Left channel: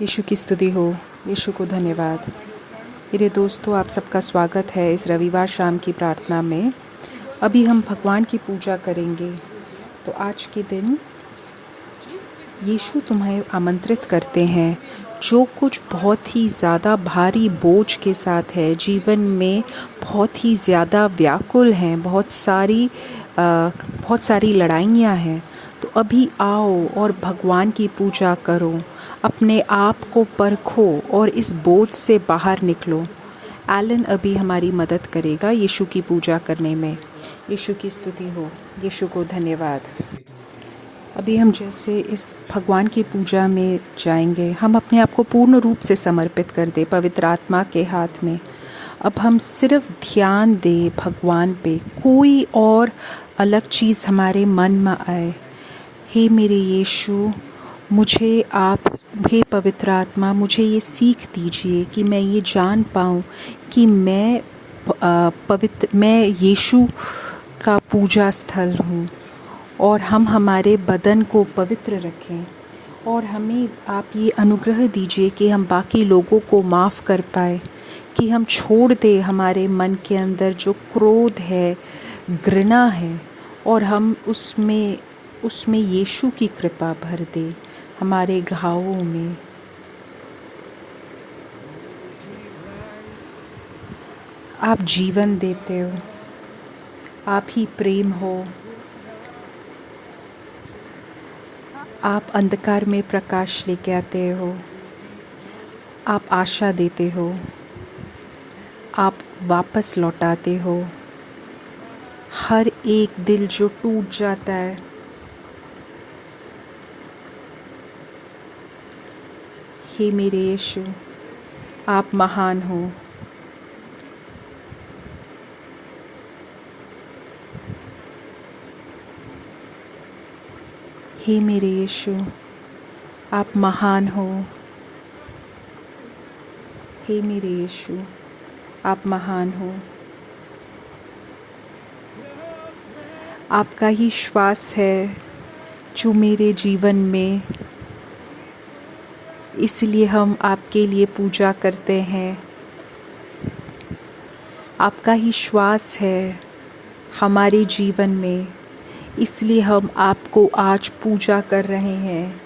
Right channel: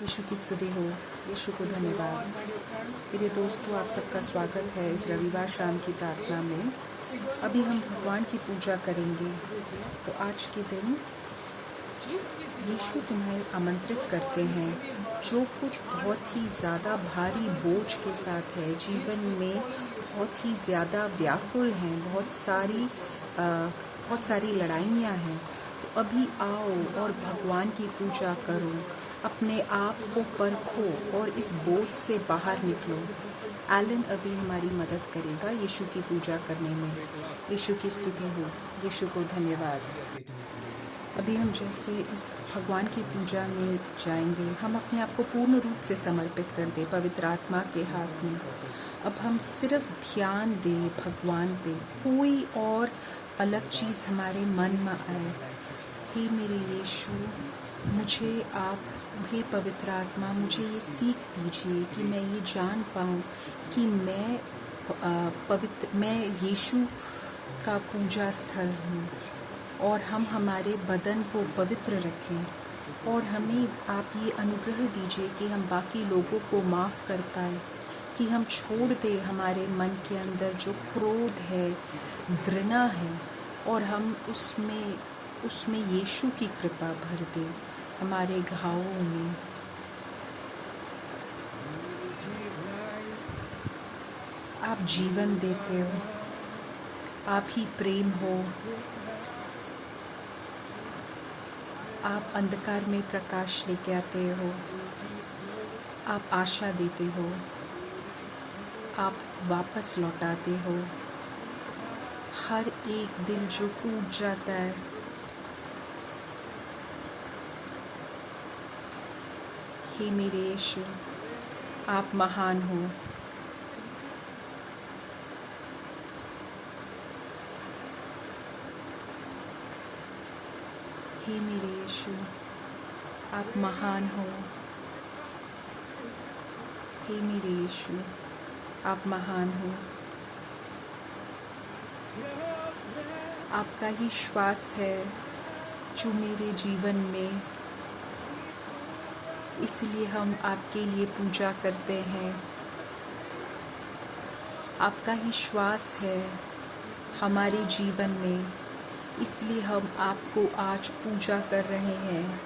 यीशु की स्तुति हो। यीशु को धन्यवाद। मेरे दोस्तों, आप सबका स्वागत है इस रविवार शाम की प्रार्थना में। अभी हम भगवान की पूजा करेंगे। तो आज के दिन यीशु तुम्हें आमंत्रित करते हैं। जो कुछ बहुत ही ज़्यादा भारी बोझ के साथ है, जीवन में बहुत ही ज़्यादा व्याकुल हैं, बहुत सारी लड़ाइयाँ हैं, तो अभी आओ और भगवान की पूजा करो। अपने आप को परखो और इस बोझ से बाहर निकलो। एलन अभी हमारी मदद करेगा यीशु की पूजा करने में। यीशु की स्तुति हो। यीशु को धन्यवाद। अभी हम जैसे इस भगवान की पूजा में जाएंगे, हम अपने आप को पूर्ण रूप से समर्पित कर दे पवित्र आत्मा के हाथ में। अब हम सिर्फ ध्यान दे भगवान पे, कोई और अलग चीज़ हमारे मन में आए। हे मेरे यीशु, मुझे आप, हे पवित्र आत्मा, मुझे ये सीख दीजिए कि मैं ये जान पाऊँ कि मैं यीशु का पूजा स्थल हूँ। और हम हमारे बदन को पवित्र रखें और हमें आप ये अनुग्रह दीजिए कि हम बाकी लोगों को माफ़ कर पाए, कि हम छोड़ दें हमारे मन के अंदर जो क्रोध है, घृणा है, और हम उसमें यीशु की कृपा भर दे हमारे घावों में। आप जीवन देते हो, आप ही प्रेम हो। आप अंधकार में प्रकाश लेके आते हो, आप आशा देते हो, आप वापस लौटाते हो हर एक दिल जो टूट जाता है। हे मेरे यीशु, आप महान हो। हे मेरे यीशु, आप महान हो। हे मेरे यीशु, आप महान हो। आपका ही श्वास है जो मेरे जीवन में, इसलिए हम आपके लिए पूजा करते हैं। आपका ही श्वास है हमारे जीवन में, इसलिए हम आपको आज पूजा कर रहे हैं।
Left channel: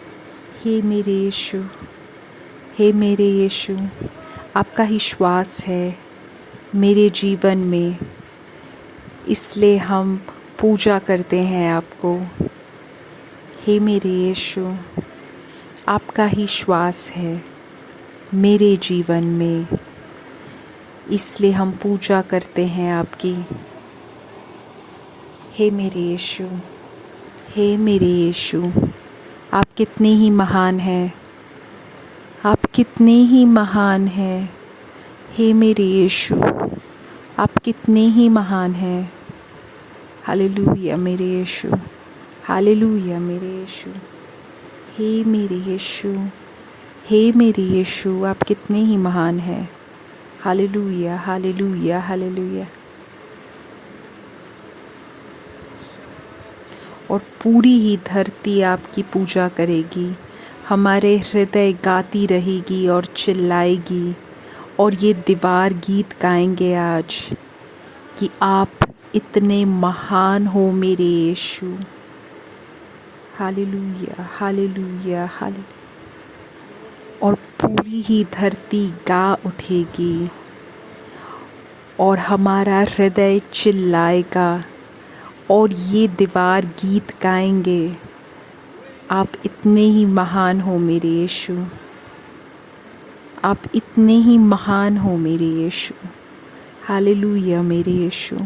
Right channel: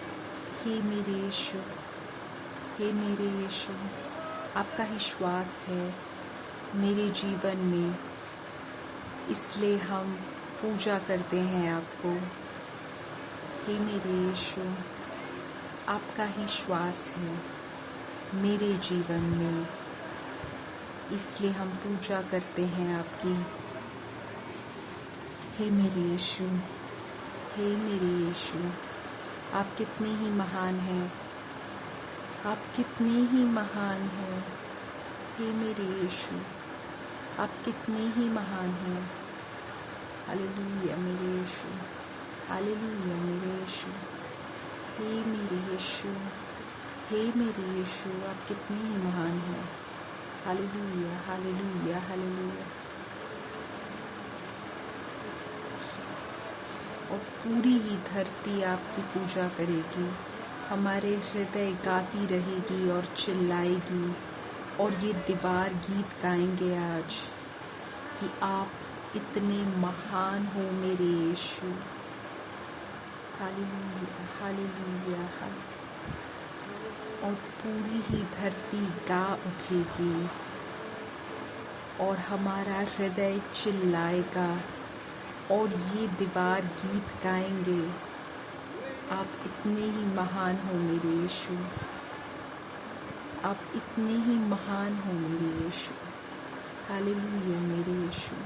हे मेरे यीशु, हे मेरे यीशु, आपका ही श्वास है मेरे जीवन में, इसलिए हम पूजा करते हैं आपको। हे मेरे यीशु, आपका ही श्वास है मेरे जीवन में, इसलिए हम पूजा करते हैं आपकी। हे मेरे यीशु, हे मेरे यीशु, आप कितने ही महान हैं, आप कितने ही महान हैं। हे मेरे यीशु, आप कितने ही महान हैं। हालेलुया मेरे यीशु, हालेलुया मेरे यीशु। हे मेरे यीशु, हे मेरे यीशु, आप कितने ही महान हैं। हालेलुया, हालेलुया, हालेलुया। और पूरी ही धरती आपकी पूजा करेगी। हमारे हृदय गाती रहेगी और चिल्लाएगी, और ये दीवार गीत गाएंगे आज कि आप इतने महान हो मेरे यीशु। हालेलुया, हालेलुया, हालेलुया। और पूरी ही धरती गा उठेगी और हमारा हृदय चिल्लाएगा और ये दीवार गीत गाएंगे, आप इतने ही महान हो मेरे यीशु, आप इतने ही महान हो मेरे यीशु। हालेलुया मेरे यीशु,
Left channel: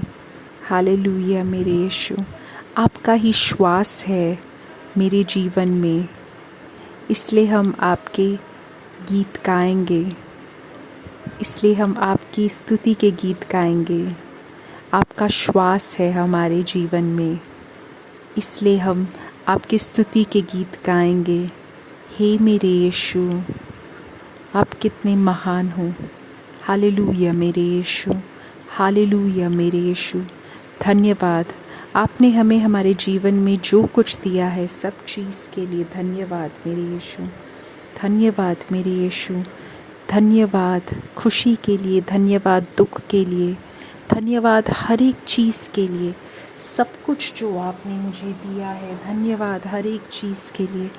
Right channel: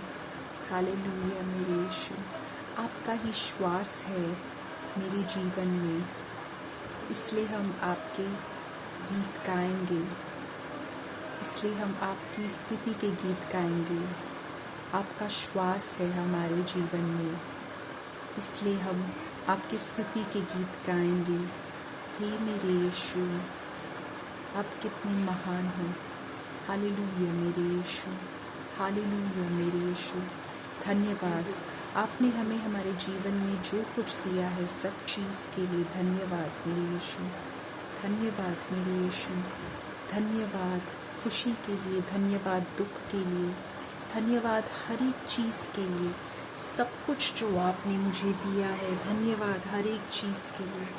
हालेलुया मेरे यीशु। आपका ही श्वास है मेरे जीवन में, इसलिए हम आपके गीत गाएंगे, इसलिए हम आपकी स्तुति के गीत गाएंगे। आपका श्वास है हमारे जीवन में, इसलिए हम आपकी स्तुति के गीत गाएंगे। हे मेरे यीशु, आप कितने महान हो। हालेलुया मेरे यीशु, हालेलुया मेरे यीशु। धन्यवाद, आपने हमें हमारे जीवन में जो कुछ दिया है सब चीज़ के लिए धन्यवाद मेरे यीशु। धन्यवाद मेरे यीशु। धन्यवाद खुशी के लिए, धन्यवाद दुख के लिए, धन्यवाद हर एक चीज़ के लिए, सब कुछ जो आपने मुझे दिया है। धन्यवाद हर एक चीज़ के लिए।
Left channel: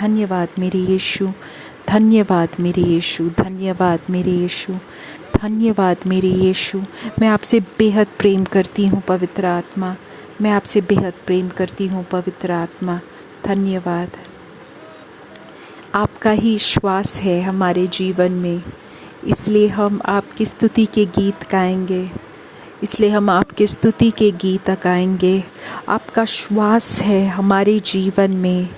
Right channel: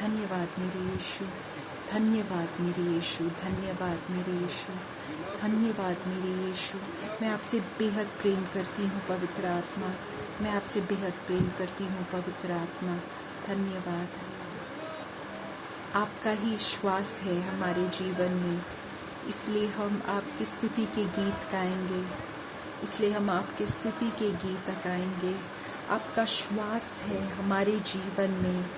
धन्यवाद मेरे यीशु। धन्यवाद मेरे यीशु। धन्यवाद मेरे यीशु। धन्यवाद मेरे यीशु। मैं आपसे बेहद प्रेम करती हूँ पवित्र आत्मा। मैं आपसे बेहद प्रेम करती हूँ पवित्र आत्मा। धन्यवाद। आपका ही श्वास है हमारे जीवन में, इसलिए हम आपकी स्तुति के गीत गाएंगे। इसलिए हम आपकी स्तुति के गीत गाएंगे। आपका श्वास है हमारे जीवन में,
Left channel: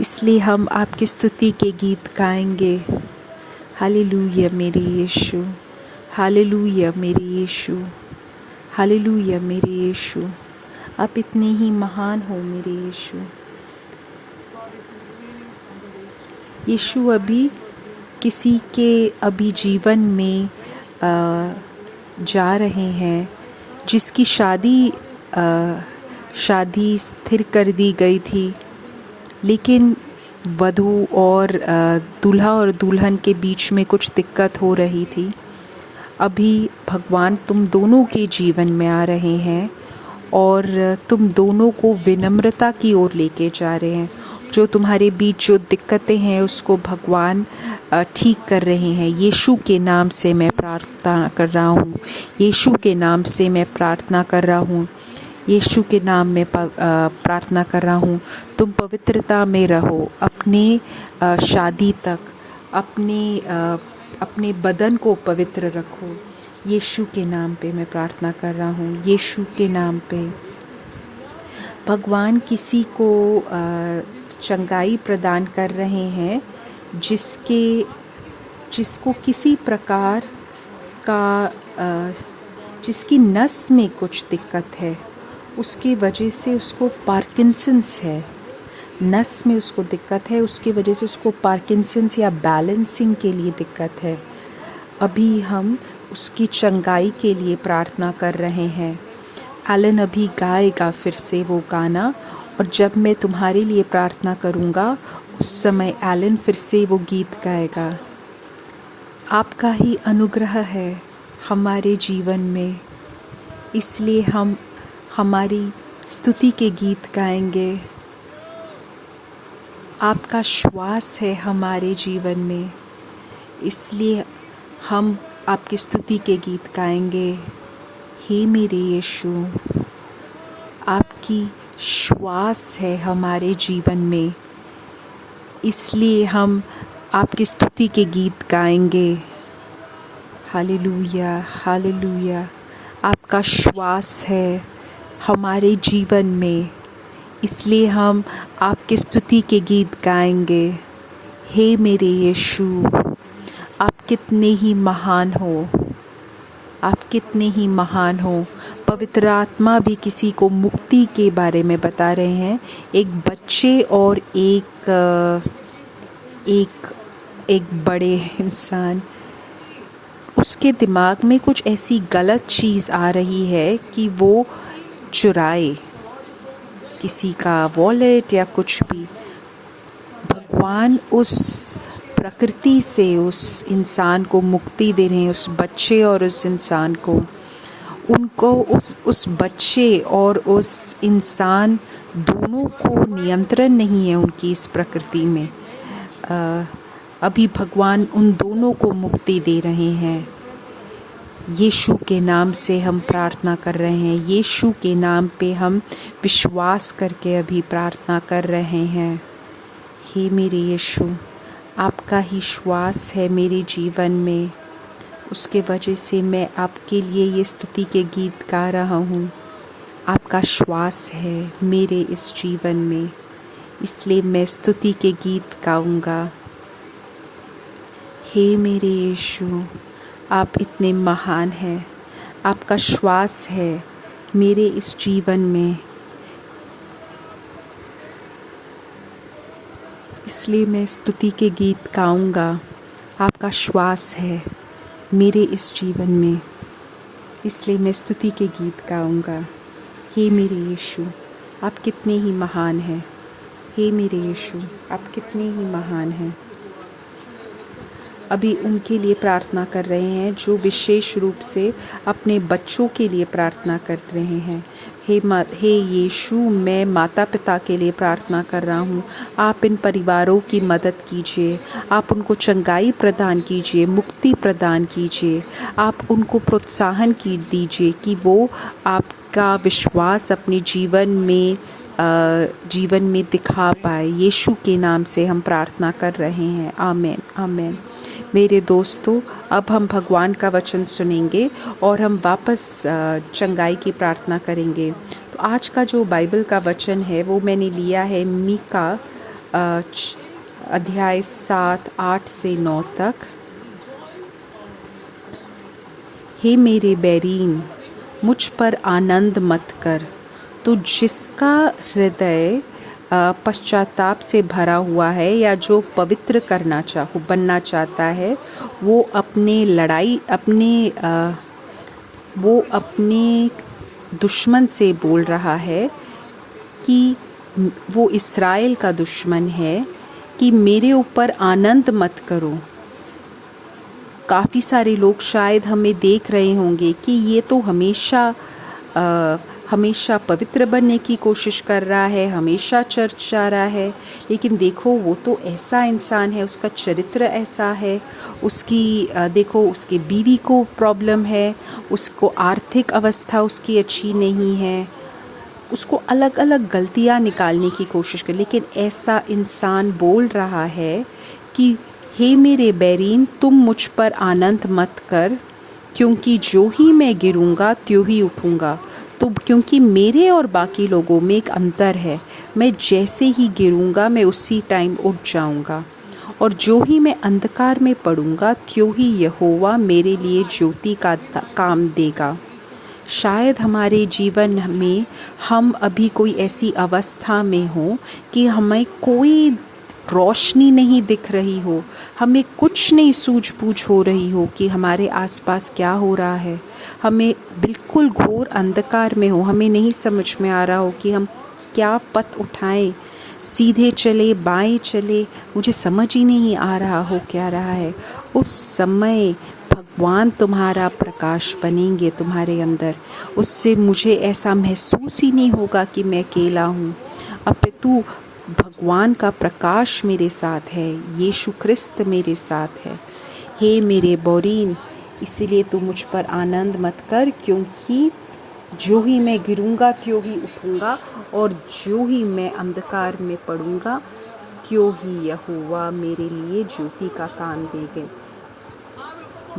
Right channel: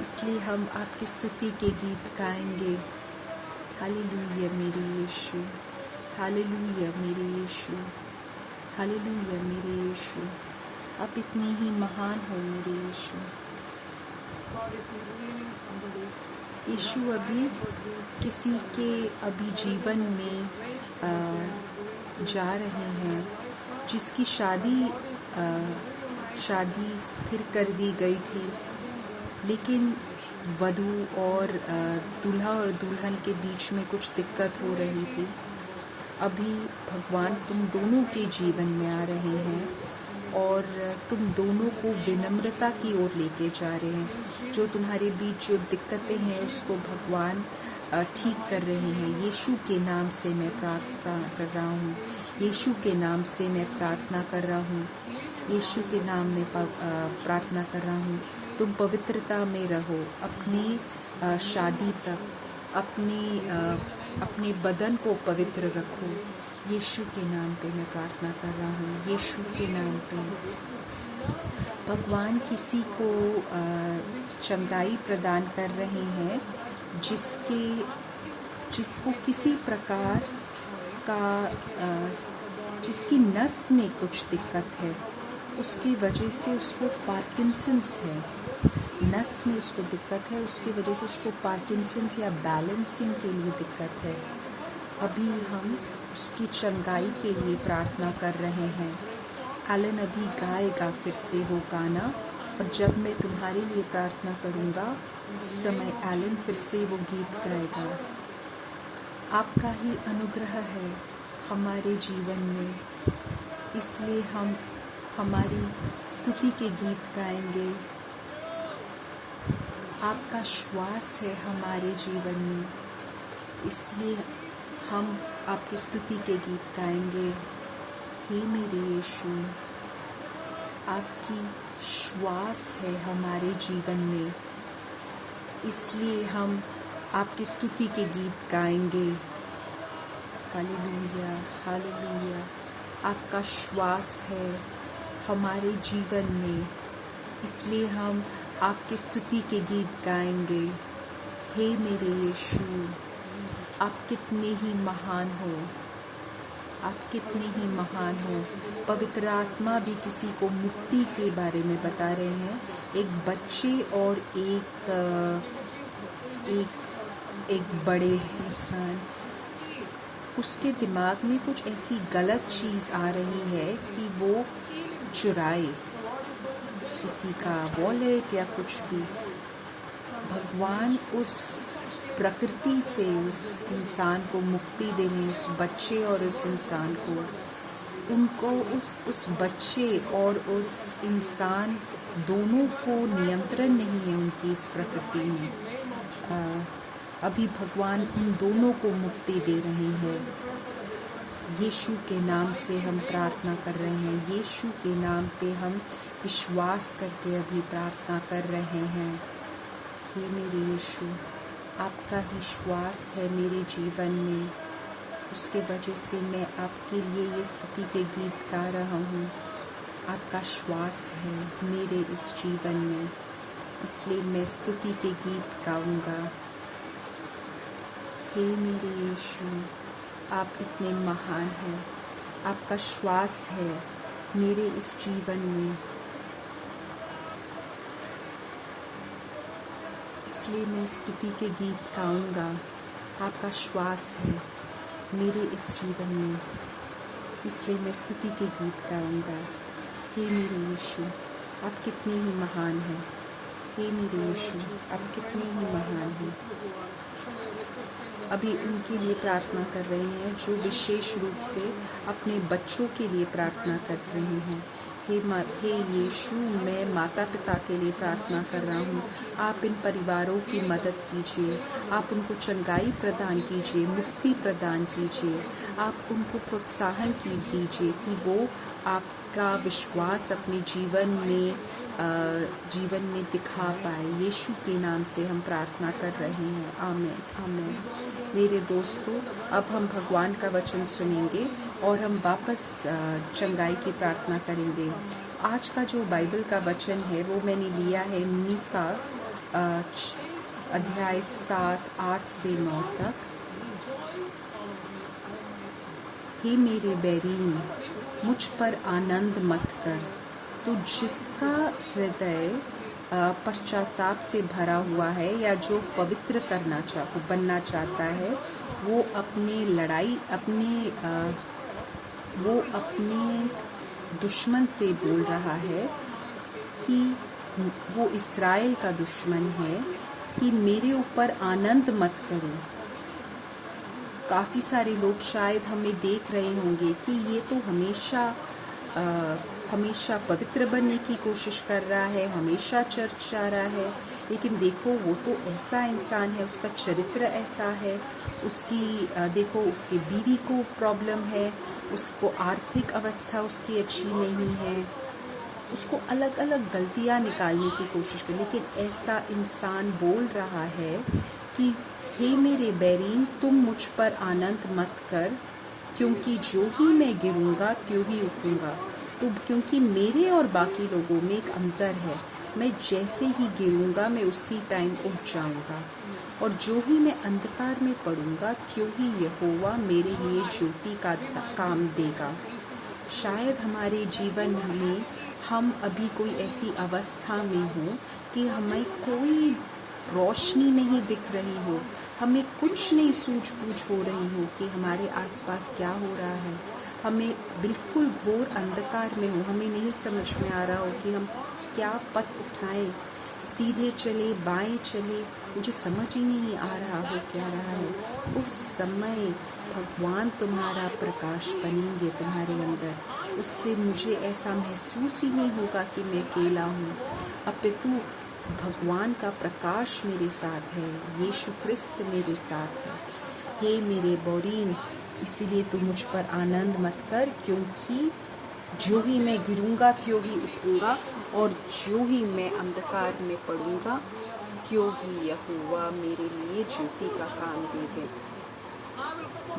इसलिए हम आपकी स्तुति के गीत गाएंगे। हालेलुया मेरे यीशु। हालेलुया मेरे यीशु। हालेलुया मेरे यीशु। आप इतने ही महान हो मेरे यीशु। यीशु अभी किसी के अभी जीवन में जा रहे हैं, जिसकी शादी स्थिर कर दी गई थी, लेकिन वधू और दूल्हा और दुल्हन के बीच में कुछ दिक्कत हो रही थी। अभी भगवान तुम दोनों के जीवन में आ रहे हैं और तुम दोनों को विनम्रता की ओर लेके जा रहे हैं। जो तुम्हारे बीच जो दिक्कतें हैं उसको भगवान ठीक कर रहे हैं। यीशु के नाम से मैं प्रार्थना कर रहा हूँ। यीशु के नाम से मैं प्रार्थना कर रहा हूँ। यीशु के नाम में प्रार्थना कर रहा हूँ। तुम पवित्रता में रहो अपने शादी तक। अपने बदन को पवित्र रखो। यीशु के नाम पे मैं प्रार्थना कर रहा हूँ। यीशु के नाम पे भगवान किसी को चंगाई प्रदान कर रहे हैं, जिसको किसी प्रकार का जिसकी नस में कुछ दिक्कत है, उसकी वजह से उसको पार्किंसंस है। नस में उसको दिक्कत है, उसकी वजह से उसको पार्किंसंस या बैलेंसिंग के लिए दिक्कत है। अभी हम उसकी चंगाई के लिए प्रार्थना कर रहे हैं। एलन अभी गाएगा फिर से वो गाना, और जब मैं तुम्हारे लिए प्रार्थना करूँगा उस समय एलन फिर से वो गीत गाएगा। आपका ही अनुग्रह है हमारे जीवन में, इसलिए हम हमारी स्तुति के गीत गाएंगे। आपका श्वास है हमारे जीवन में, इसलिए हम आपकी स्तुति के गीत गाएंगे। हे मेरे यीशु, आपकी श्वास है हमारे जीवन में, इसलिए हम आपकी स्तुति के गीत गाएंगे। Hallelujah, hallelujah. आपका श्वास है हमारे जीवन में, इसलिए हम आपकी स्तुति के गीत गाएंगे। हे मेरे यीशु, आप कितने ही महान हो। आप कितने ही महान हो। पवित्र आत्मा भी किसी को मुक्ति के बारे में बता रहे हैं। एक बच्चे और एक बड़े इंसान, उसके दिमाग में कुछ ऐसी गलत चीज़ आ रही है कि वो चुराए किसी का वॉलेट या कुछ भी। भगवान उस प्रकृति से उस इंसान को मुक्ति दे रहे हैं, उस बच्चे और उस इंसान को। उनको उस बच्चे और उस इंसान दोनों को नियंत्रण नहीं है उनकी इस प्रकृति में। अभी भगवान उन दोनों को मुक्ति दे रहे हैं। यीशु के नाम से हम प्रार्थना कर रहे हैं। यीशु के नाम पे हम विश्वास करके अभी प्रार्थना कर रहे हैं। हे मेरे यीशु, आपका ही श्वास है मेरे जीवन में, उसके वजह से मैं आपके लिए ये स्तुति के गीत गा रहा हूँ। आपका श्वास है मेरे इस जीवन में, इसलिए मैं स्तुति के गीत गाऊंगा। हे मेरे यीशु, आप इतने महान हैं। आपका श्वास है मेरे इस जीवन में, इसलिए मैं स्तुति के गीत गाऊंगा। आपका श्वास है मेरे इस जीवन में, इसलिए मैं स्तुति के गीत गाऊंगा। हे मेरे यीशु, आप कितने ही महान हैं। हे मेरे यीशु, आप कितने ही महान हैं। अभी उनके लिए प्रार्थना कर रहे हैं जो विशेष रूप से अपने बच्चों के लिए प्रार्थना कर रहे हैं। हे यीशु, मैं माता पिता के लिए प्रार्थना कर रहा हूँ। आप इन परिवारों की मदद कीजिए, आप उनको चंगाई प्रदान कीजिए, मुक्ति प्रदान कीजिए। आप उनको प्रोत्साहन दीजिए कि वो आपका विश्वास अपने जीवन में दिखा पाए। यीशु के नाम से हम प्रार्थना कर रहे हैं। आमीन, आमीन। मेरे दोस्तों, अब हम भगवान का वचन सुनेंगे और हम वापस चंगाई की प्रार्थना करेंगे। तो आज का जो बाइबल का वचन है वो मैंने लिया है मीका अध्याय 7, 8 से 9 तक। हे मेरे बैरीन, मुझ पर आनंद मत कर। तो जिसका हृदय पश्चाताप से भरा हुआ है या जो पवित्र बनना चाहता है, वो अपने दुश्मन से बोल रहा है कि वो इस्राएल का दुश्मन है कि मेरे ऊपर आनंद मत करो। काफ़ी सारे लोग शायद हमें देख रहे होंगे कि ये तो हमेशा पवित्र बनने की कोशिश कर रहा है, हमेशा चर्च जा रहा है, लेकिन देखो वो तो ऐसा इंसान है, उसका चरित्र ऐसा है, देखो उसकी बीवी को प्रॉब्लम है, उसको आर्थिक अवस्था उसकी अच्छी नहीं है, उसको अलग अलग गलतियां निकालने की कोशिश कर, लेकिन ऐसा इंसान बोल रहा है कि हे मेरे बैरीन, तुम मुझ पर आनंद मत कर, क्योंकि जो ही मैं गिरूंगा त्यों ही उठूंगा। तो क्योंकि मेरे और बाकी लोगों में एक अंतर है, मैं जैसे ही गिरूंगा मैं उसी टाइम उठ जाऊंगा, और जो ही मैं अंधकार में पड़ूंगा त्यों ही यहोवा मेरे लिए ज्योति का काम देगा। शायद हमारे जीवन में हम अभी कोई ऐसी अवस्था में हो कि हमें कोई रोशनी नहीं दिख रही हो, हमें कुछ नहीं सूझबूझ हो रही हो कि हमारे आसपास क्या हो रहा है, हमें बिल्कुल घोर अंधकार में हो, हमें नहीं समझ में आ रहा हो कि हम क्या पथ उठाएं, सीधे चले बाएं चले, मुझे समझ ही नहीं आ रहा हो क्या रहा है। उस समय भगवान तुम्हारा प्रकाश बनेंगे तुम्हारे अंदर। उससे मुझे ऐसा महसूस ही नहीं होगा कि मैं अकेला हूँ, अपितु भगवान का प्रकाश मेरे साथ है, यीशु ख्रिस्त मेरे साथ है। हे मेरे बैरीन, इसीलिए तू मुझ पर आनंद मत कर, क्योंकि जो ही मैं गिरूंगा त्यों ही उठूंगा, और जो ही मैं अंधकार में पड़ूंगा त्यों ही यहोवा मेरे लिए ज्योति का काम देंगे।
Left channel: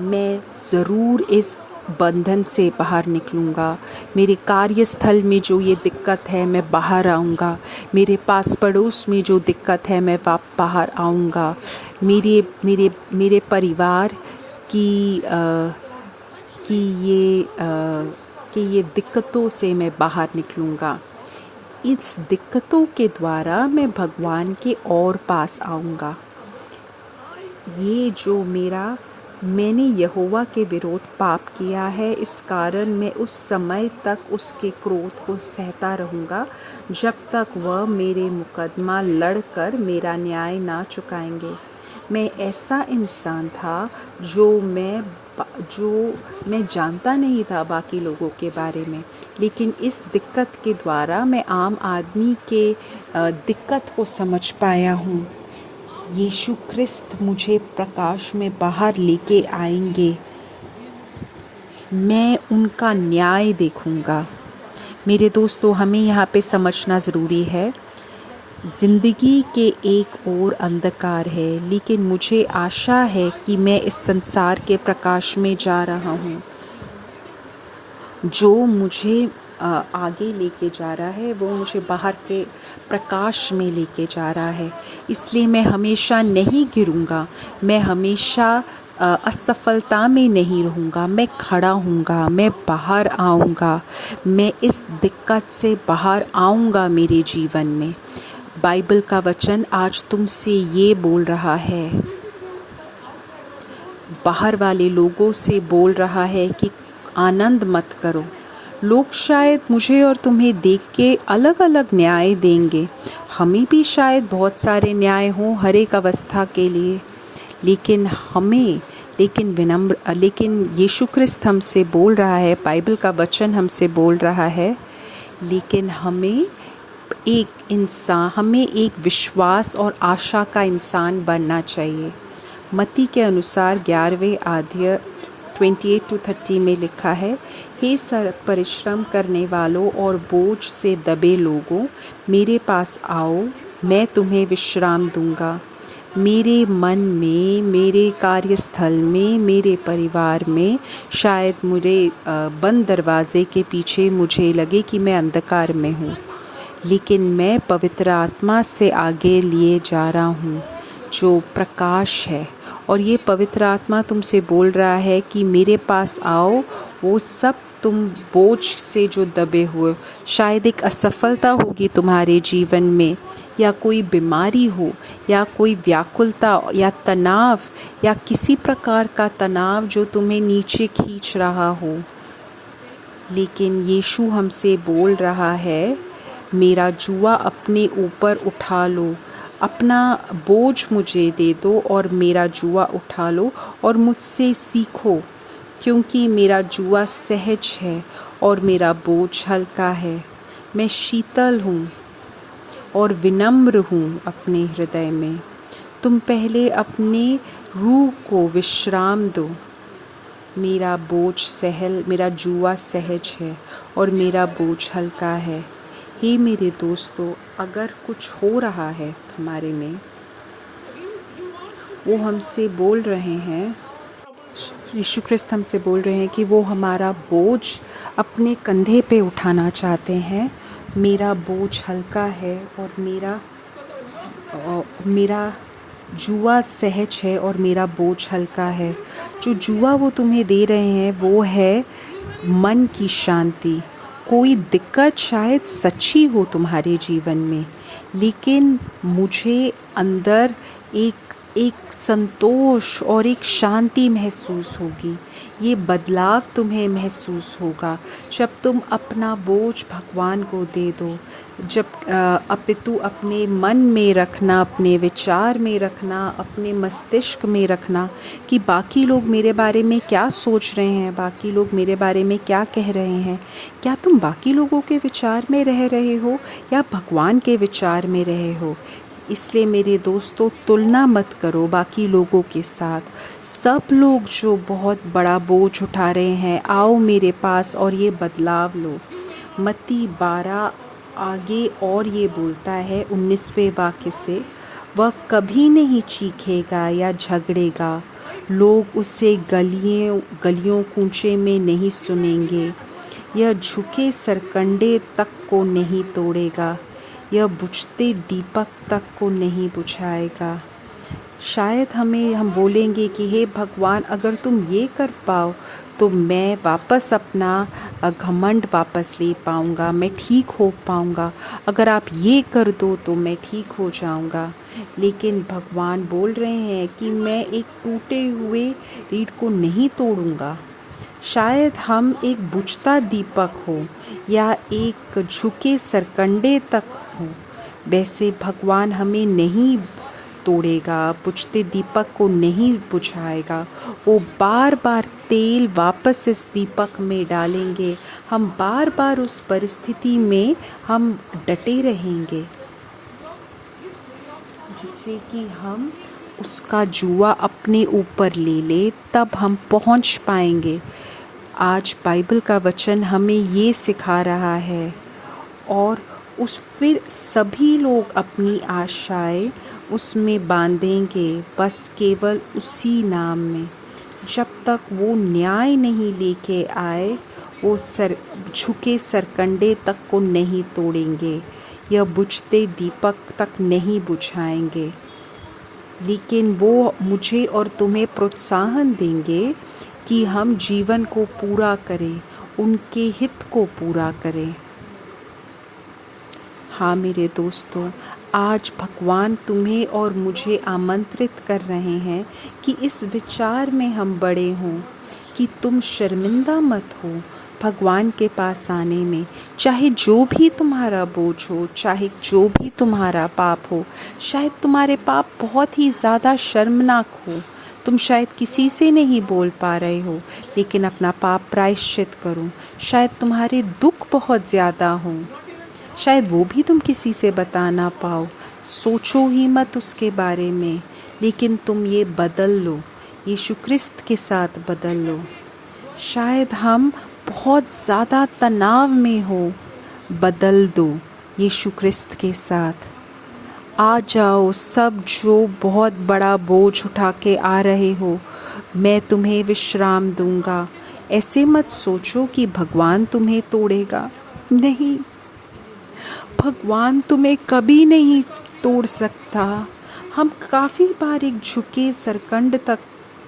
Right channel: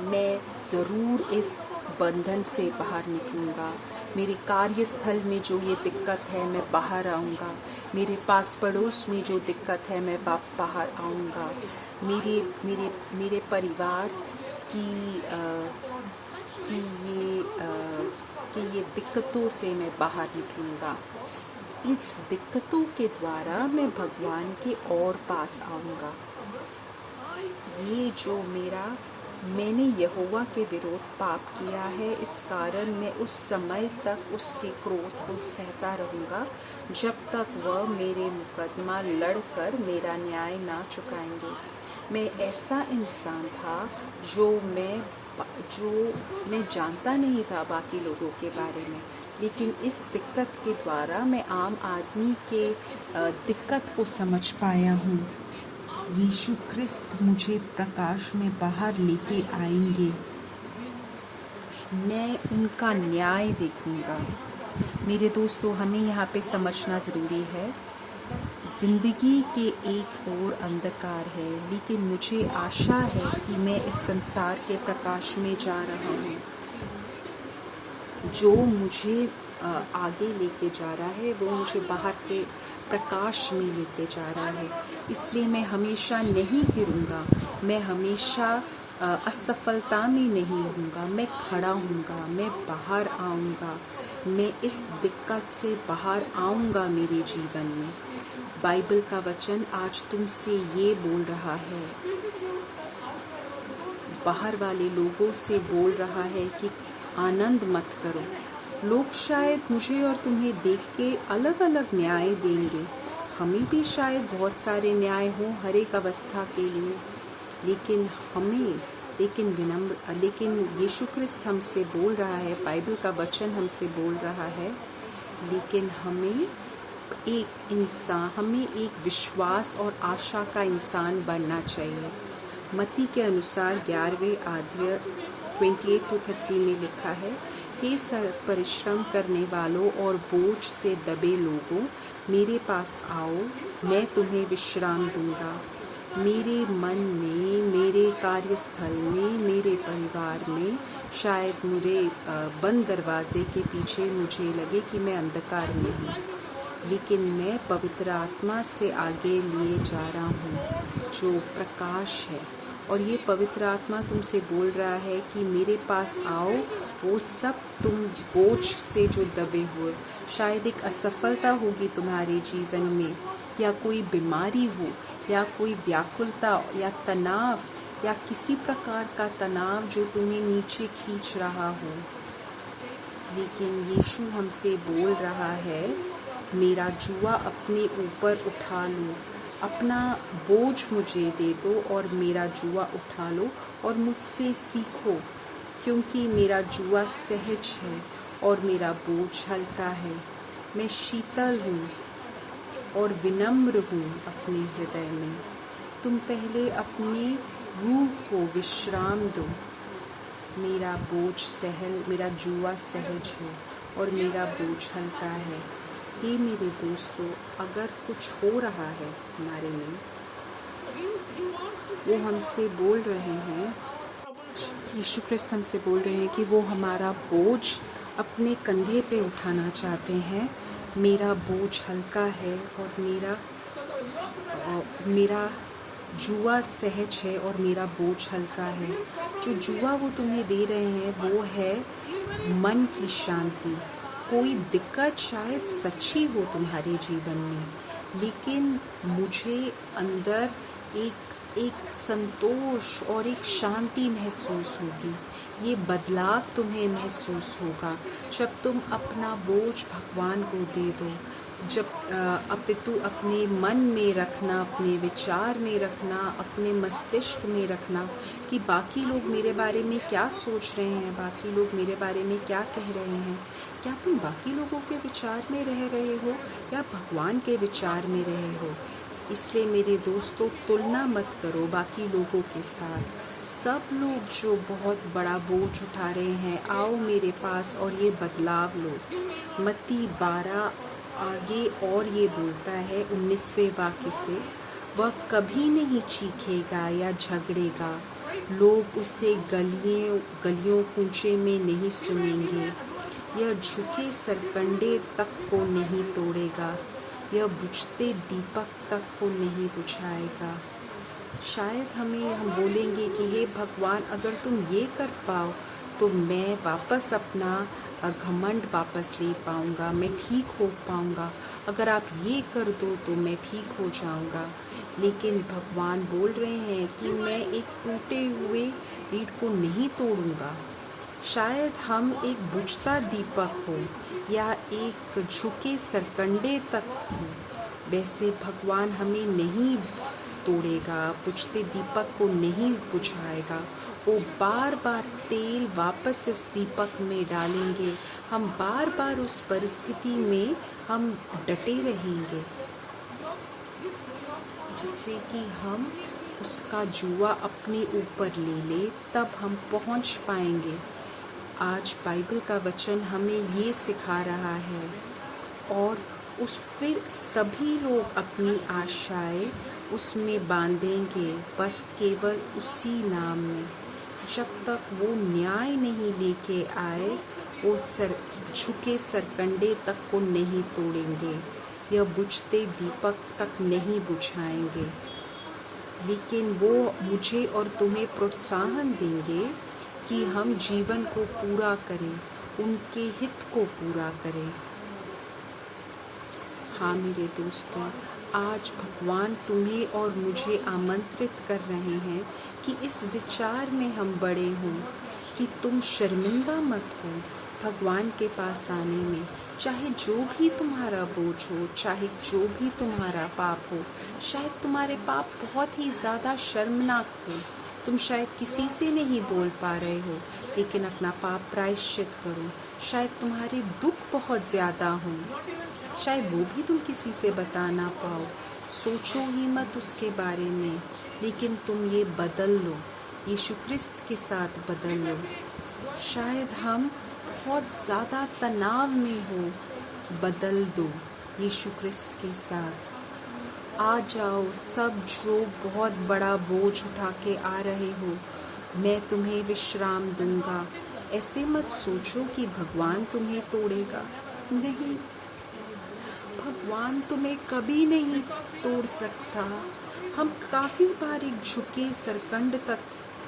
मैं ज़रूर इस बंधन से बाहर निकलूँगा। मेरे कार्यस्थल में जो ये दिक्कत है मैं बाहर आऊँगा, मेरे पास पड़ोस में जो दिक्कत है मैं बाहर आऊँगा, मेरे परिवार कि ये दिक्कतों से मैं बाहर निकलूँगा। इस दिक्कतों के द्वारा मैं भगवान के और पास आऊँगा। ये जो मैंने यहोवा के विरोध पाप किया है, इस कारण मैं उस समय तक उसके क्रोध को सहता रहूँगा जब तक वह मेरे मुकदमा लड़कर मेरा न्याय ना चुकाएंगे। मैं ऐसा इंसान था जो मैं जानता नहीं था बाकी लोगों के बारे में, लेकिन इस दिक्कत के द्वारा मैं आम आदमी के दिक्कत को समझ पाया हूँ। यीशु ख्रिस्त मुझे प्रकाश में बाहर लेके आएंगे, मैं उनका न्याय देखूंगा। मेरे दोस्तों, हमें यहाँ पे समझना ज़रूरी है, ज़िंदगी के एक और अंधकार है, लेकिन मुझे आशा है कि मैं इस संसार के प्रकाश में जा रहा हूँ। जो मुझे आगे लेके जा रहा है वो मुझे बाहर के प्रकाश में लेके जा रहा है। इसलिए मैं हमेशा नहीं गिरूँगा, मैं हमेशा असफलता में नहीं रहूँगा, मैं खड़ा हूँगा, मैं बाहर आऊँगा, मैं इस दिक्कत से बाहर आऊँगा मेरे जीवन में। बाइबल का वचन आज तुमसे ये बोल रहा है, बाहर वाले लोगों से बोल रहा है कि आनंद मत करो। लोग शायद मुझे और तुम्हें देख के अलग अलग न्याय देंगे, हमें भी शायद बहुत सारे न्याय हों हर एक अवस्था के लिए, लेकिन यीशु ख्रिस्त हमसे बोल रहा है, बाइबल का वचन हमसे बोल रहा है, लेकिन हमें एक विश्वास और आशा का इंसान बनना चाहिए। मत्ती के अनुसार 11वें अध्याय 28-30 में लिखा है, हे परिश्रम करने वालों और बोझ से दबे लोगों, मेरे पास आओ, मैं तुम्हें विश्राम दूंगा। मेरे मन में, मेरे कार्यस्थल में, मेरे परिवार में शायद मुझे बंद दरवाजे के पीछे मुझे लगे कि मैं अंधकार में हूँ, लेकिन मैं पवित्र आत्मा से आगे लिए जा रहा हूँ जो प्रकाश है। और ये पवित्र आत्मा तुमसे बोल रहा है कि मेरे पास आओ, वो सब तुम बोझ से जो दबे हुए, शायद एक असफलता होगी तुम्हारे जीवन में, या कोई बीमारी हो, या कोई व्याकुलता या तनाव, या किसी प्रकार का तनाव जो तुम्हें नीचे खींच रहा हो, लेकिन यीशु हमसे बोल रहा है, मेरा जुआ अपने ऊपर उठा लो, अपना बोझ मुझे दे दो और मेरा जुआ उठा लो और मुझसे सीखो, क्योंकि मेरा जुआ सहज है और मेरा बोझ हल्का है। मैं शीतल हूँ और विनम्र हूँ अपने हृदय में। तुम पहले अपने रूह को विश्राम दो। मेरा जुआ सहज है और मेरा बोझ हल्का है। हे मेरे दोस्तों, अगर कुछ हो रहा है हमारे में, वो हमसे बोल रहे हैं, यीशु ख्रिस्त हमसे बोल रहे हैं कि वो हमारा बोझ अपने कंधे पे उठाना चाहते हैं। मेरा बोझ हल्का है और मेरा जुआ सहज है और मेरा बोझ हल्का है। जो जुआ वो तुम्हें दे रहे हैं वो है मन की शांति। कोई दिक्कत शायद सच्ची हो तुम्हारे जीवन में, लेकिन मुझे अंदर एक संतोष और एक शांति महसूस होगी। ये बदलाव तुम्हें महसूस होगा जब तुम अपना बोझ भगवान को दे दो। जब अपितु अपने मन में रखना, अपने विचार में रखना, अपने मस्तिष्क में रखना कि बाकी लोग मेरे बारे में क्या सोच रहे हैं, बाकी लोग मेरे बारे में क्या कह रहे हैं। क्या तुम बाकी लोगों के विचार में रह रहे हो या भगवान के विचार में रहे हो? इसलिए मेरे दोस्तों, तुलना मत करो बाकी लोगों के साथ। सब लोग जो बहुत बड़ा बोझ उठा रहे हैं, आओ मेरे पास और ये बदलाव लो। मत्ती 12 आगे और ये बोलता है 19वें वाक्य से, वह कभी नहीं चीखेगा या झगड़ेगा, लोग उसे गलियों कूचे में नहीं सुनेंगे। यह झुके सरकंडे तक को नहीं तोड़ेगा, यह बुझते दीपक तक को नहीं बुझाएगा। शायद हम बोलेंगे कि हे भगवान, अगर तुम ये कर पाओ तो मैं वापस अपना घमंड वापस ले पाऊँगा, मैं ठीक हो पाऊँगा। अगर आप ये कर दो तो मैं ठीक हो जाऊँगा। लेकिन भगवान बोल रहे हैं कि मैं एक टूटे हुए रीढ़ को नहीं तोड़ूँगा। शायद हम एक बुझता दीपक हो या एक झुके सरकंडे तक हो, वैसे भगवान हमें नहीं तोड़ेगा, बुझते दीपक को नहीं बुझाएगा। वो बार बार तेल वापस इस दीपक में डालेंगे। हम बार बार उस परिस्थिति में हम डटे रहेंगे, जिससे कि हम उसका जुआ अपने ऊपर ले ले, तब हम पहुंच पाएंगे। आज बाइबल का वचन हमें ये सिखा रहा है, और फिर सभी लोग अपनी आशाएं उसमें बांधेंगे, बस केवल उसी नाम में। जब तक वो न्याय नहीं लेके आए, वो झुके सरकंडे तक को नहीं तोड़ेंगे, या बुझते दीपक तक नहीं बुझाएंगे। लेकिन वो मुझे और तुम्हें प्रोत्साहन देंगे कि हम जीवन को पूरा करें, उनके हित को पूरा करें। हाँ मेरे दोस्तों, आज भगवान तुम्हें और मुझे आमंत्रित कर रहे हैं कि इस विचार में हम बड़े हों कि तुम शर्मिंदा मत हो भगवान के पास आने में। चाहे जो भी तुम्हारा बोझ हो, चाहे जो भी तुम्हारा पाप हो, शायद तुम्हारे पाप बहुत ही ज़्यादा शर्मनाक हो, तुम शायद किसी से नहीं बोल पा रहे हो, लेकिन अपना पाप प्रायश्चित करो। शायद तुम्हारे दुख बहुत ज़्यादा हों, शायद वो भी तुम किसी से बता ना पाओ। सोचो ही मत उसके बारे में, लेकिन तुम ये बदल लो, यीशु क्रिस्त के साथ बदल लो। शायद हम बहुत ज़्यादा तनाव में हो, बदल दो यीशु क्रिस्त के साथ। आ जाओ सब जो बहुत बड़ा बोझ उठा के आ रहे हो, मैं तुम्हें विश्राम दूंगा। ऐसे मत सोचो कि भगवान तुम्हें तोड़ेगा, नहीं, भगवान तुम्हें कभी नहीं तोड़ सकता। हम काफ़ी बार एक झुके सरकंड तक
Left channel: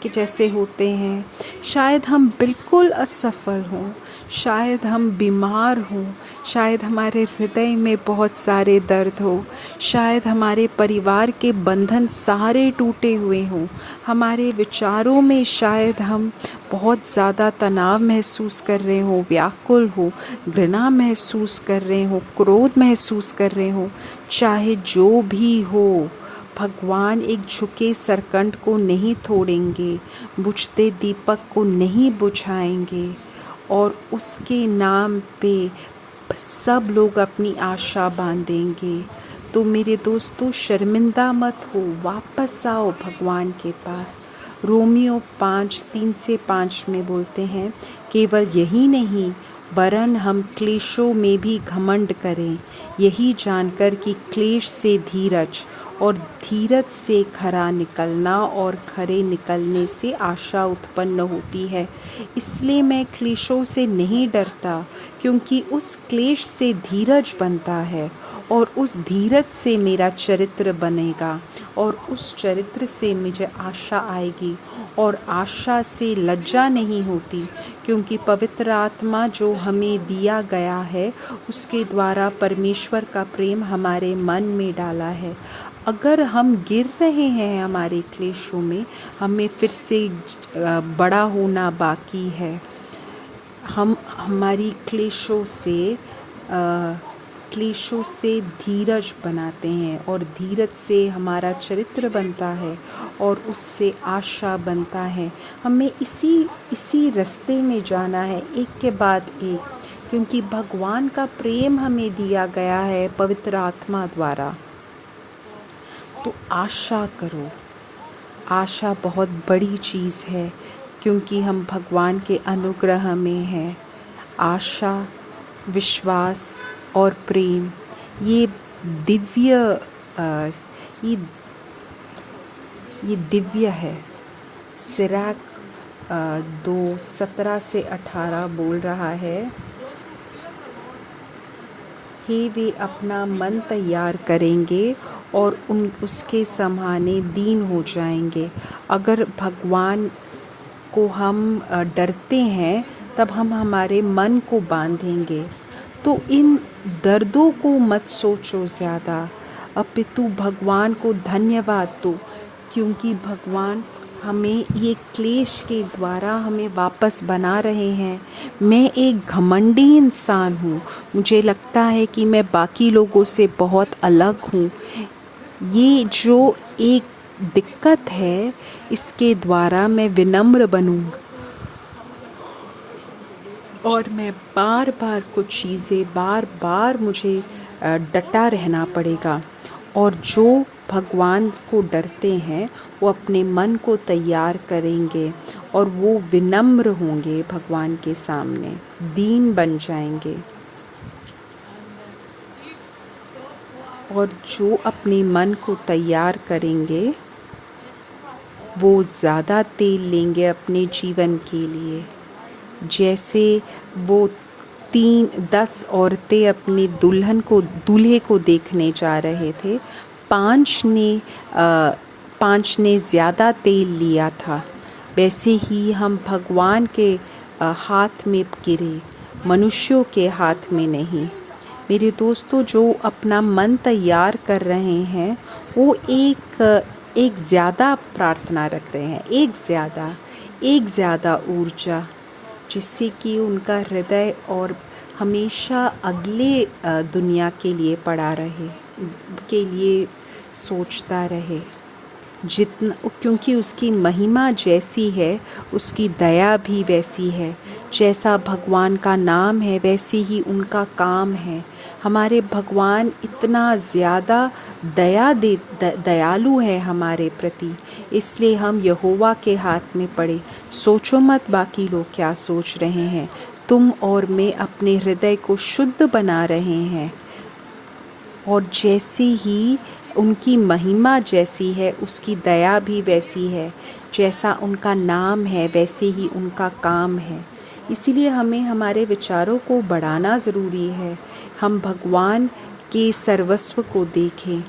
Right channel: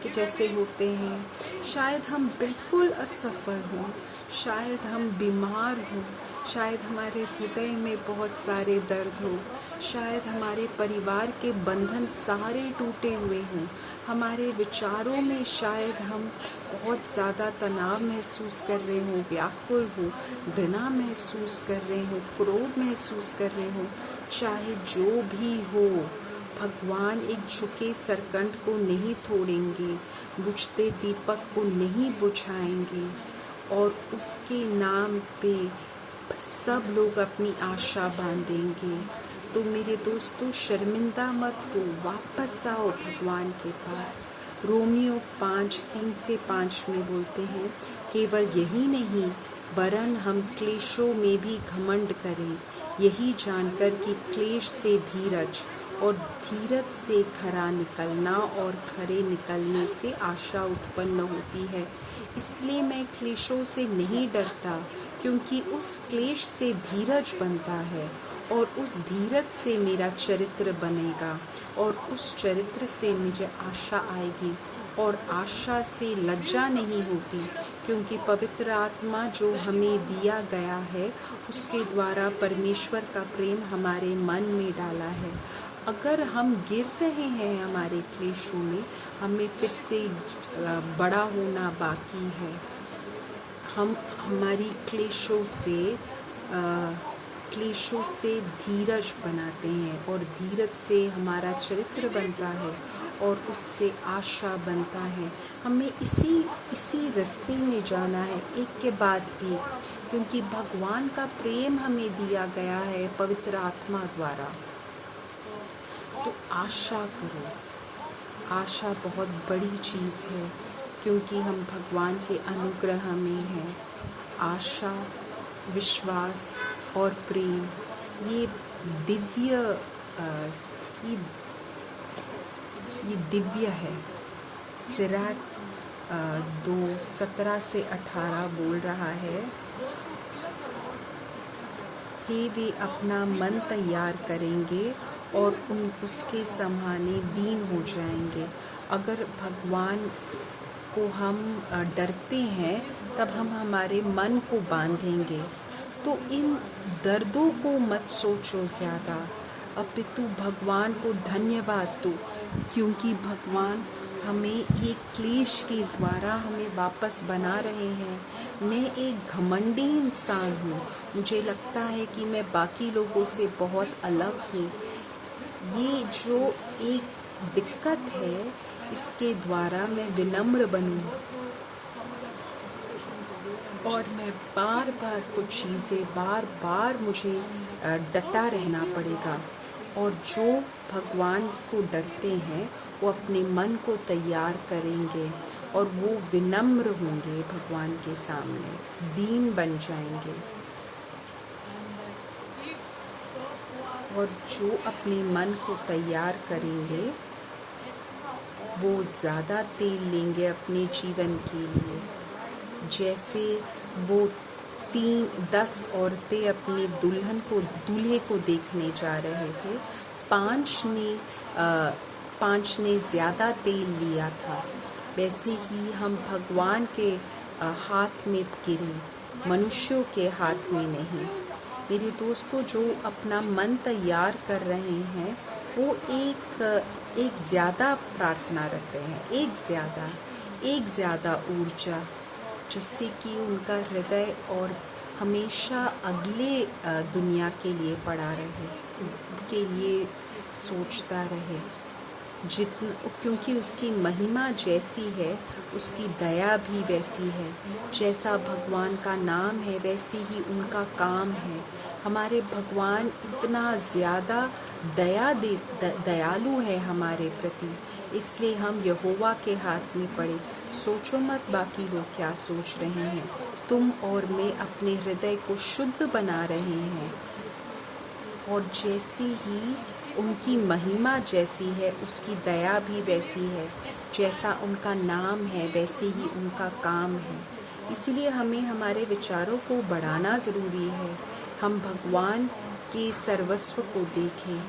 के जैसे होते हैं। शायद हम बिल्कुल असफल हों, शायद हम बीमार हों, शायद हमारे हृदय में बहुत सारे दर्द हो, शायद हमारे परिवार के बंधन सारे टूटे हुए हों, हमारे विचारों में शायद हम बहुत ज़्यादा तनाव महसूस कर रहे हों, व्याकुल हो, घृणा महसूस कर रहे हों, क्रोध महसूस कर रहे हों। चाहे जो भी हो, भगवान एक झुके सरकंड को नहीं तोड़ेंगे, बुझते दीपक को नहीं बुझाएंगे, और उसके नाम पे सब लोग अपनी आशा बांधेंगे। तो मेरे दोस्तों, शर्मिंदा मत हो, वापस आओ भगवान के पास। रोमियो 5:3-5 में बोलते हैं, केवल यही नहीं वरन हम क्लेशों में भी घमंड करें, यही जानकर कि क्लेश से धीरज और धीरज से खरा निकलना और खरे निकलने से आशा उत्पन्न होती है। इसलिए मैं क्लेशों से नहीं डरता, क्योंकि उस क्लेश से धीरज बनता है, और उस धीरज से मेरा चरित्र बनेगा, और उस चरित्र से मुझे आशा आएगी, और आशा से लज्जा नहीं होती, क्योंकि पवित्र आत्मा जो हमें दिया गया है उसके द्वारा परमेश्वर का प्रेम हमारे मन में डाला है। अगर हम गिर रहे हैं हमारे क्लेशों में, हमें फिर से बड़ा होना बाकी है। हम हमारी क्लेशों से धीरज बनाते हैं, और धीरज से हमारा चरित्र बनता है, और उससे आशा बनता है। हमें इसी रास्ते में जाना है, एक के बाद एक, क्योंकि भगवान का प्रेम हमें दिया गया है पवित्र आत्मा द्वारा। तो आशा करो, आशा बहुत बड़ी चीज़ है, क्योंकि हम भगवान के अनुग्रह में हैं। आशा, विश्वास और प्रेम, ये दिव्य है। सिराक 2:17-18 बोल रहा है, हे वे अपना मन तैयार करेंगे और उसके समाने दीन हो जाएंगे। अगर भगवान को हम डरते हैं, तब हम हमारे मन को बांधेंगे। तो इन दर्दों को मत सोचो ज़्यादा, अपितु भगवान को धन्यवाद दो, क्योंकि भगवान हमें ये क्लेश के द्वारा हमें वापस बना रहे हैं। मैं एक घमंडी इंसान हूँ, मुझे लगता है कि मैं बाकी लोगों से बहुत अलग हूँ। ये जो एक दिक्कत है, इसके द्वारा मैं विनम्र बनूँ, और मैं बार बार मुझे डटा रहना पड़ेगा। और जो भगवान को डरते हैं वो अपने मन को तैयार करेंगे, और वो विनम्र होंगे भगवान के सामने, दीन बन जाएंगे। और जो अपने मन को तैयार करेंगे वो ज़्यादा तेल लेंगे अपने जीवन के लिए। जैसे वो 10 औरतें अपने दूल्हे को देखने जा रहे थे, 5 ने ज़्यादा तेल लिया था, वैसे ही हम भगवान के हाथ में गिरे, मनुष्यों के हाथ में नहीं। मेरे दोस्तों, जो अपना मन तैयार कर रहे हैं वो एक ज़्यादा प्रार्थना रख रहे हैं, एक ज़्यादा ऊर्जा, जिससे कि उनका हृदय और हमेशा अगले दुनिया के लिए पड़ा रहे, के लिए सोचता रहे। जितना, क्योंकि उसकी महिमा जैसी है उसकी दया भी वैसी है। जैसा भगवान का नाम है वैसे ही उनका काम है। हमारे भगवान इतना ज़्यादा दयालु है हमारे प्रति, इसलिए हम यहोवा के हाथ में पड़े। सोचो मत बाकी लोग क्या सोच रहे हैं, तुम और मैं अपने हृदय को शुद्ध बना रहे हैं। और जैसे ही उनकी महिमा जैसी है उसकी दया भी वैसी है। जैसा उनका नाम है वैसे ही उनका काम है। इसीलिए हमें हमारे विचारों को बढ़ाना ज़रूरी है। हम भगवान के सर्वस्व को देखें,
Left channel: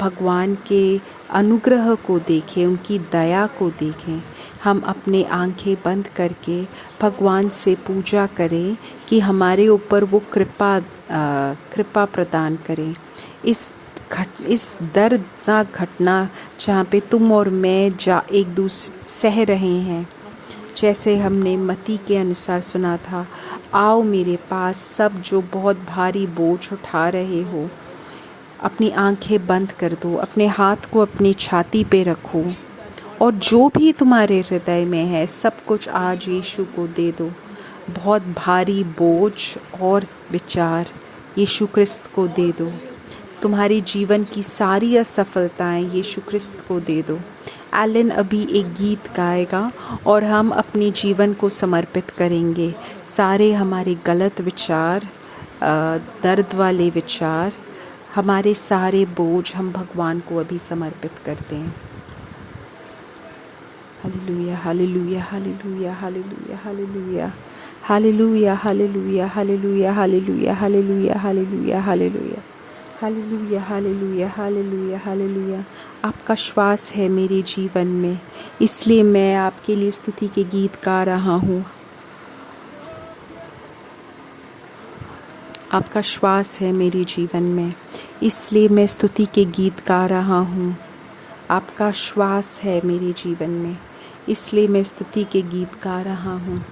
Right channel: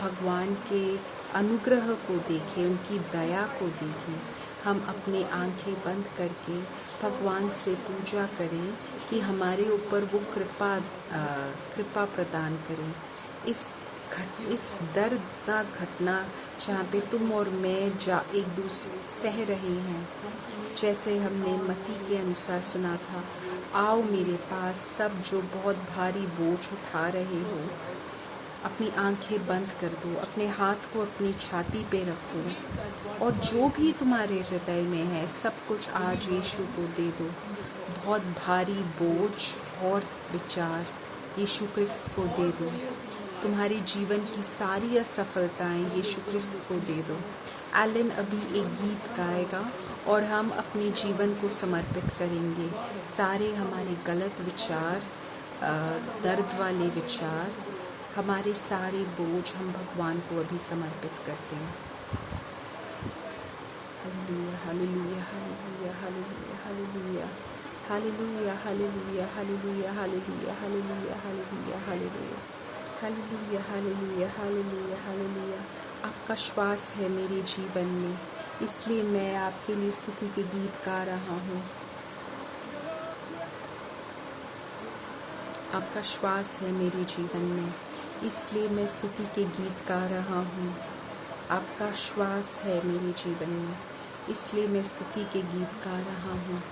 भगवान के अनुग्रह को देखें, उनकी दया को देखें। हम अपने आंखें बंद करके भगवान से पूजा करें कि हमारे ऊपर वो कृपा प्रदान करें। इस दर्दनाक घटना जहाँ पे तुम और मैं एक दूसरे सह रहे हैं, जैसे हमने मत्ती के अनुसार सुना था, आओ मेरे पास सब जो बहुत भारी बोझ उठा रहे हो। अपनी आंखें बंद कर दो, अपने हाथ को अपनी छाती पे रखो और जो भी तुम्हारे हृदय में है सब कुछ आज यीशु को दे दो। बहुत भारी बोझ और विचार यीशु क्रिस्त को दे दो। तुम्हारी जीवन की सारी असफलताएं यीशु क्रिस्त को दे दो। एलन अभी एक गीत गाएगा और हम अपने जीवन को समर्पित करेंगे। सारे हमारे गलत विचार, दर्द वाले विचार, हमारे सारे बोझ हम भगवान को अभी समर्पित करते हैं। हालेलुया, हालेलुया, हालेलुया, हालेलुया, हालेलुया, हालेलुया, हालेलुया, हालेलुया, हालेलुया, हालेलुया, हालेलुया, हालेलुया, हालेलुया, हालेलुया, हालेलुया, हालेलुया। आपका श्वास है मेरे जीवन में, इसलिए मैं आपके लिए स्तुति के गीत गा रहा हूँ। आपका श्वास है मेरे जीवन में, इसलिए मैं स्तुति के गीत गा रहा हूँ। आपका श्वास है मेरे जीवन में, इसलिए मैं स्तुति के गीत गा रहा हूँ।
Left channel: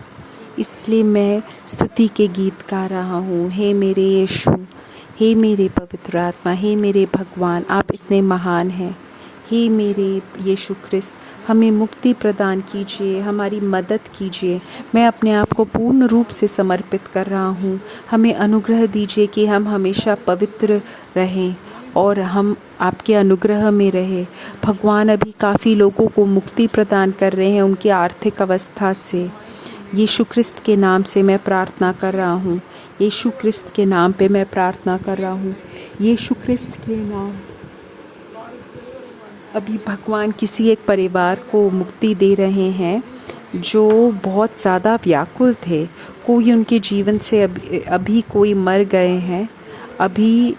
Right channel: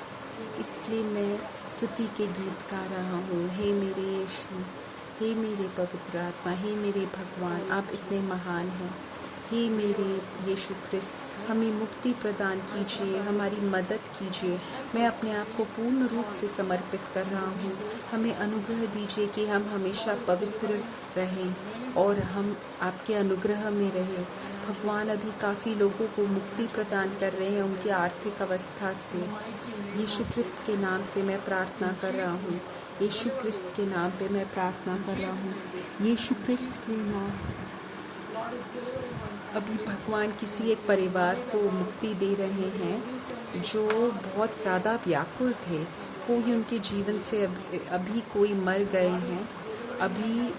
इसलिए मैं स्तुति के गीत गा रहा हूँ। हे मेरे यीशु, हे मेरे पवित्र आत्मा, हे मेरे भगवान, आप इतने महान हैं। हे मेरे यीशु क्रिस्त, हमें मुक्ति प्रदान कीजिए, हमारी मदद कीजिए। मैं अपने आप को पूर्ण रूप से समर्पित कर रहा हूँ। हमें अनुग्रह दीजिए कि हम हमेशा पवित्र रहें और हम आपके अनुग्रह में रहें। भगवान अभी काफ़ी लोगों को मुक्ति प्रदान कर रहे हैं उनकी आर्थिक अवस्था से। यीशु क्रिस्त के नाम से मैं प्रार्थना कर रहा हूँ। यीशु क्रिस्त के नाम पे मैं प्रार्थना कर रहा हूँ। यीशु क्रिस्त के नाम। अभी भगवान किसी एक परिवार को मुक्ति दे रहे हैं जो बहुत ज़्यादा व्याकुल थे। कोई उनके जीवन से अभी कोई मर गए हैं। अभी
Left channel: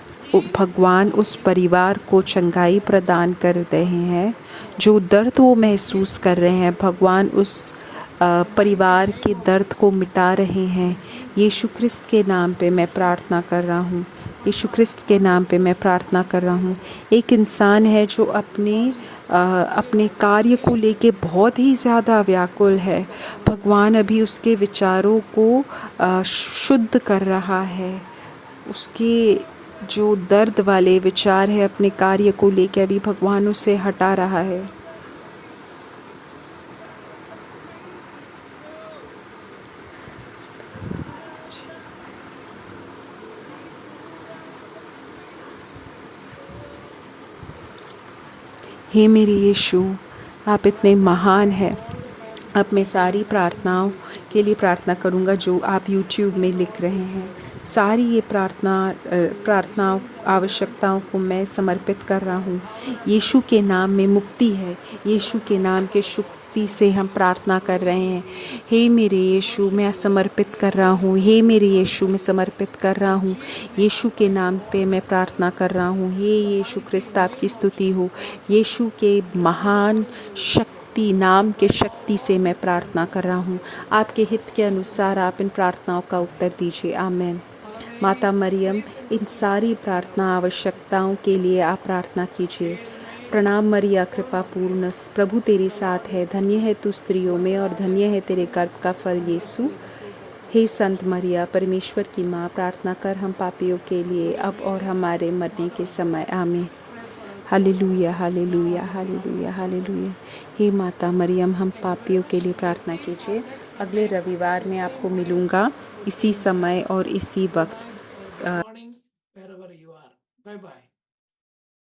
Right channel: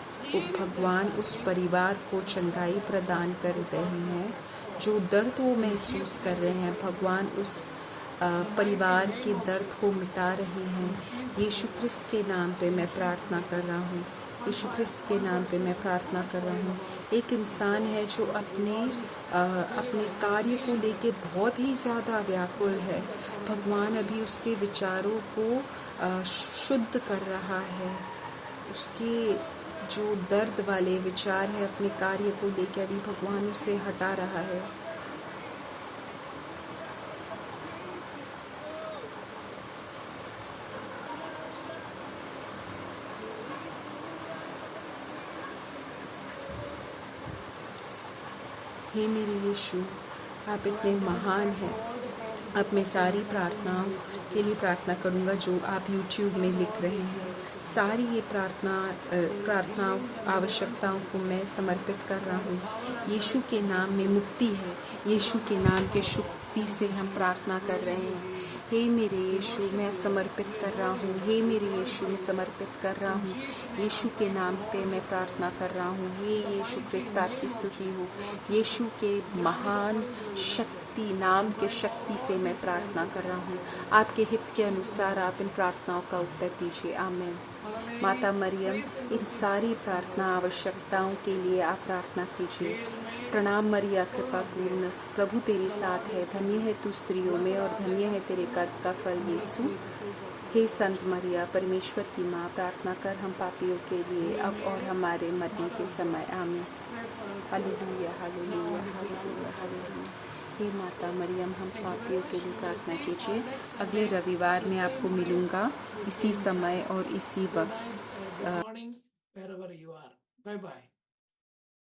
भगवान उस परिवार को चंगाई प्रदान कर रहे हैं। जो दर्द वो महसूस कर रहे हैं, भगवान उस परिवार के दर्द को मिटा रहे हैं। यीशु क्रिस्त के नाम पे मैं प्रार्थना कर रहा हूँ। यीशु क्रिस्त के नाम पे मैं प्रार्थना कर रहा हूँ। एक इंसान है जो अपने कार्य को लेके बहुत ही ज़्यादा व्याकुल है। भगवान अभी उसके विचारों को शुद्ध कर रहा है। उसके जो दर्द वाले विचार है अपने कार्य को लेके अभी भगवान उसे हटा रहा है। हे मेरे यीशु, आप इतने महान हैं। अब मैं सारी प्रार्थनाओं के लिए प्रार्थना करूंगा जो आप YouTube में लिख रहे हैं। सारी ये प्रार्थनाओं आवश्यकताओं को मैं समर्पित कर रहा हूँ। यीशु के नाम में मुक्ति है। यीशु के नाम के शक्ति से हम प्रार्थना कर रहे हैं। हे मेरे यीशु, मैं समर्पित कर रहा हूँ। हे मेरे यीशु, मैं समर्पित कर रहा हूँ। यीशु के नाम पे मैं प्रार्थना कर रहा हूँ। हे यीशु क्रिस्त, आपकी स्तुति हो। यीशु के महान नाम के शक्ति से मैं प्रार्थना कर रहा हूँ। आपके हित के अनुसार आप इन प्रार्थनाओं का उत्तर दीजिए। आमीन। माता मरियम, इन सारी प्रार्थना आवश्यकताओं के लिए आप प्रार्थना कीजिए। प्रणाम मरिया, कृपा पूर्ण, प्रभु तेरे साथ है। धन्य है तू स्त्रियों में और धन्य है तेरे गर्भ का फल यीशु। हे संत मरिया, परमेश्वर की माँ, प्रार्थना कर हम पापियों के लिए अब और हमारे मरने के समय। आमीन। हालेलुया, हालेलुया, हालेलुया, हालेलुया। हे माता मरियम, हम पापियों के लिए प्रार्थना कीजिए। अगले रविवार मैं आपको मिलूँगा इसी समय और इसी वक्त। Good morning, wherever you are. Bye bye.